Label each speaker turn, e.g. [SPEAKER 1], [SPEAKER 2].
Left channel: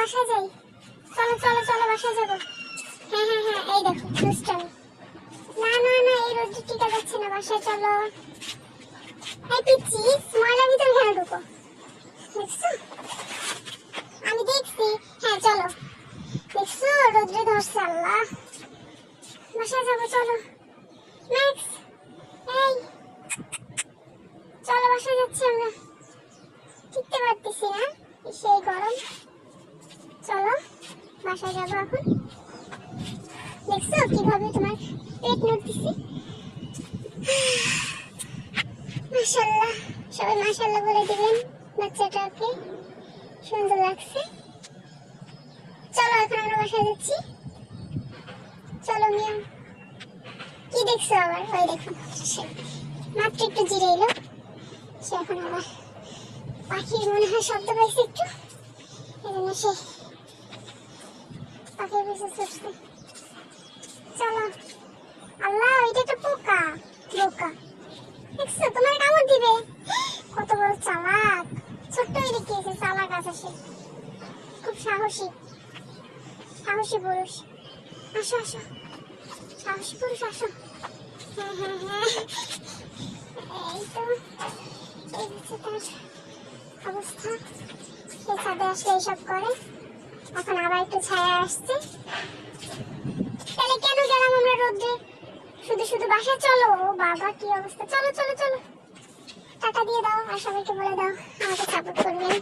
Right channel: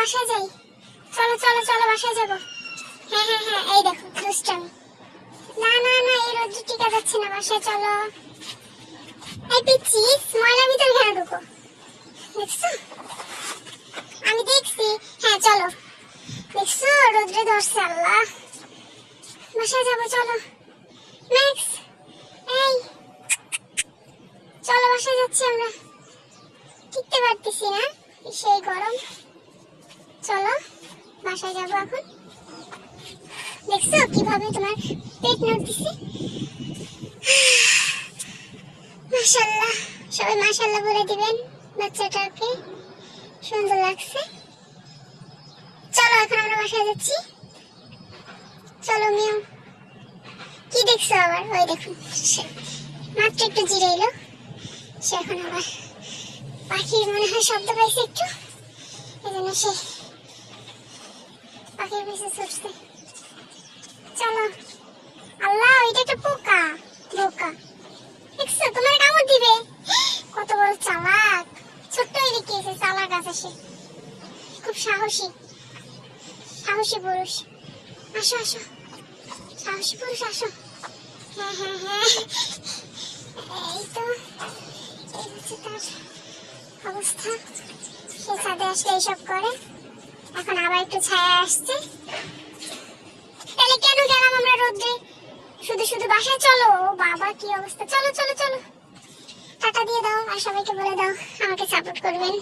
[SPEAKER 1] বাসায় যাই। চলো চলো চলো, বাসায় যাব। হ্যাঁ হ্যাঁ হ্যাঁ এই দেখো, দুষ্টামি। না না না, এই রোদ্র টিকা যাচ্ছে না, বাসায় চলো। এই পিচ্ছি ময়লা ভিতরে কেন ঢুকো? আমি দেখছি। হ্যাঁ চলো। দেখছ? রোদ্রে ধরছে আল্লাহ। বাসায় যাব, চলো। ম্যাক্স এই। চলো, বাসায় যাচ্ছি আমরা। টিকতে পারতেছি না। সেই গরম। চলো, বাসায় যাব এখন। দেখছ কীভাবে তোমার পেট নড়তেছে? মাশাল্লাহ সবাই মাশাল্লাহ বলে দিবেন বাচ্চাটাকে। সুন্দর লাগছে। চলো, এখন আমরা বাসায় যাচ্ছি। চলো মিউ কি দেখছ আবার? ওই দেখুন মাত্র একটু জিরে এলো। সে এখন আবার পাখির মনে হয় শব্দ পাইছে একটু। এই জন্য সে পাখির পিছে ছুটছে। চলো। আল্লাহ ওইটা একটা পোকা। পোকা। দেখছ, তোমার কামড় দিবে। কত বড় চালাক। ছোট্ট এদিকে এসে চালাক আছে সে। খুব সাহসী। সাহসী পুরুষ। আসো আসো। সাহসী পুরুষ, আসো। হ্যাঁ হ্যাঁ হ্যাঁ এই তো এই হচ্ছে তার অবস্থা। সে ছাদে আসলে এইসব করে। এখন আবার একটু ছায়া আসছে। তাহলে কেন গেলাম আমরা রোদ্রে শুধু শুধু বাসায় চলো। বাবা, কি অবস্থা? চলো চলো চলো। টাটা দিয়ে দাও আর সবাইকে বলে দাও, আমাকে সাপোর্ট করবেন